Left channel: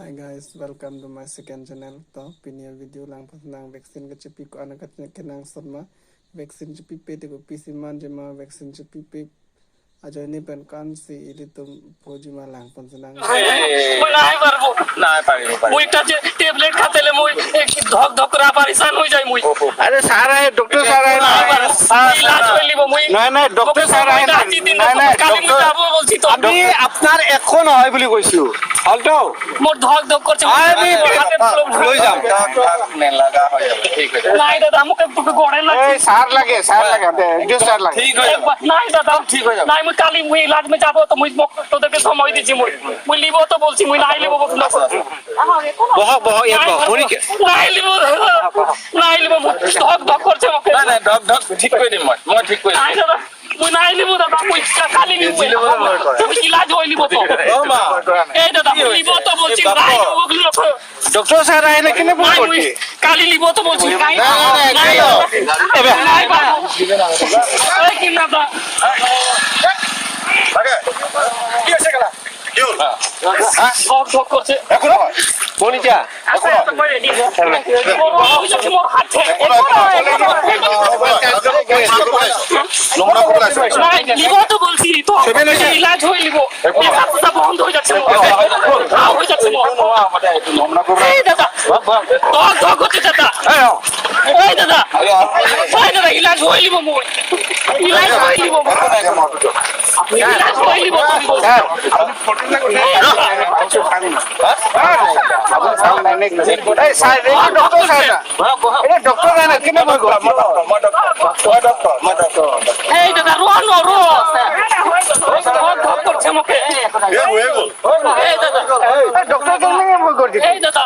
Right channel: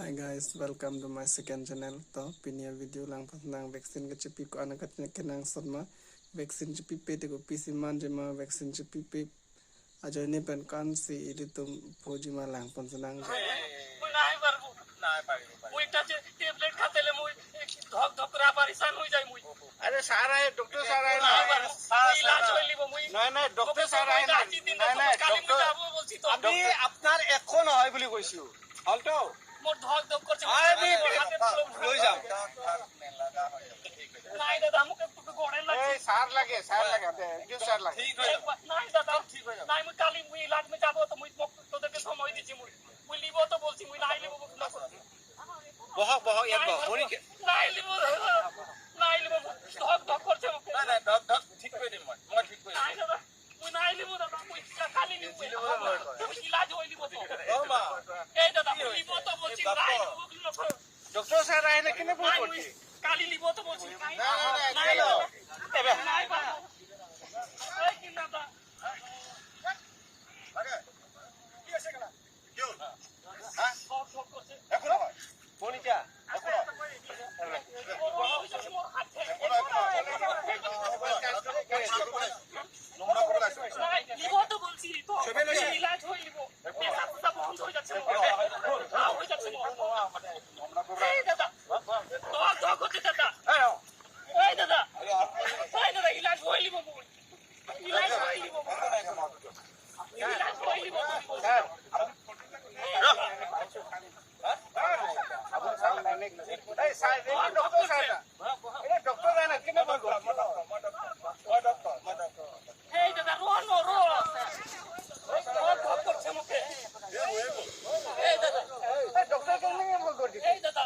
Hi guys, welcome to my second channel. To pinya video lang pasang vaksin ke cepi ko anak katnya kenang sama vaksin cepi pe teko PC man jema vaksin cepi pe aja ni pen kan si itu tum poji malang pasang. মই নাই পারবো নাই পারিব মুইটা যে tablet খাতেলে মুই ধক ধক করা পরেশান হই যাই মুই अरे सर आए डॉक्टर सर आए ইলাজ হইলিব মুই নাই ডক্টর স্যার আহে নাই কালি মুই যাব বলছি তো আমি আপনার এখন হয় বুলি কইছো হলতো মোর ধক ধক করছে আমি লৈ যাম নে লাগা হয় ঠিক আছে নাই দাদা মুকে তোকে গড়ে লাগছে এই স্যার লাগে একটু স্যার লাগে ঠিক হয়ে যাবে নাই দাদা ঠিক হয়ে যাবে নাই মুই কালি মুই ইলাজ মে যাব তো মুই তোদেরকে সময় দিছি মুই লিব তো বলছি মুই নাই লিব বলছি বহ এর বহ নাই লিব ধক ধক করছে মুকে না ডক ঠিক করে দিম মই ঠিক করে নাই দাদা মুই নাই লিব দাদা মুই কালি লিব তুমি ইলাজ হই লিব তো ও মা এই দাদা মুই লিব তো বলছি নাই ওগুলো ডক্টর স্যার আহে না কেনে বল করতে কালি লিব তো বলছি নাই নাই এবে নাই এই কি না দা লাগে কি আছে গলা কি হল ধক ধক করছে এখন বনিটা মোর হাতে নোংরা করে আছে লিব তো বলছি তো ইলাজ হই লিব কথা বন্ধ হয়ে যাচ্ছে হয়ে যাচ্ছে আমাদের একটু নোংরা করে এই দাদা ধক ধক করছে দাদা এই দাদা ইলাজ হই লিব মুই ইলাজ হই লিব ইলাজ হই লিব স্যার আপনি ফটো না করে এই স্যার ডক্টর স্যার এটা ডক্টর না কেনে বল এই দাদা রো ধক ধক করছে মুকে এই দাদা ডক্টর কেনে বল করতে এই দাদা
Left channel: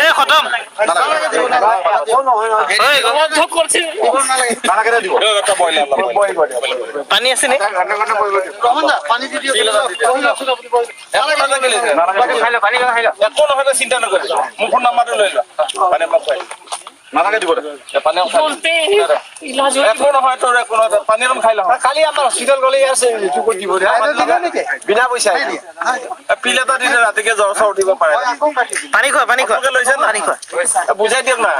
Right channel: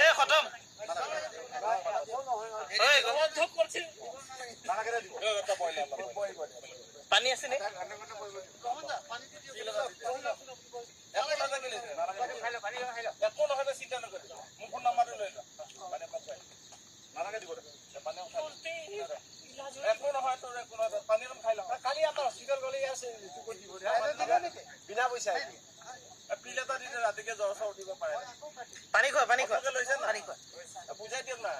এ খতম ধক করছে খানা কেটে দিব একটা বয়ল পানি আছে নে পানি দিও একো নহয় চিন্তা নকৰি মোৰ ফোন নাম্বাৰটো লৈ লোৱা পানী মোক খুৱাই নালাগে দিব পানী বলতে ইলাজ একো নহয় তোৰ একো নহয় পানী অলপ খাই লওঁ কালি আমাৰ হসপিটাল গলে আছে ইটো কৰি দিব বিনা পইচা পিল এটা দিলে ৰাতিকে জ্বৰ চৰ উঠিব পাৰে পানি খোৱা লৈছে পানি খোৱা বুজাই দিয়ক না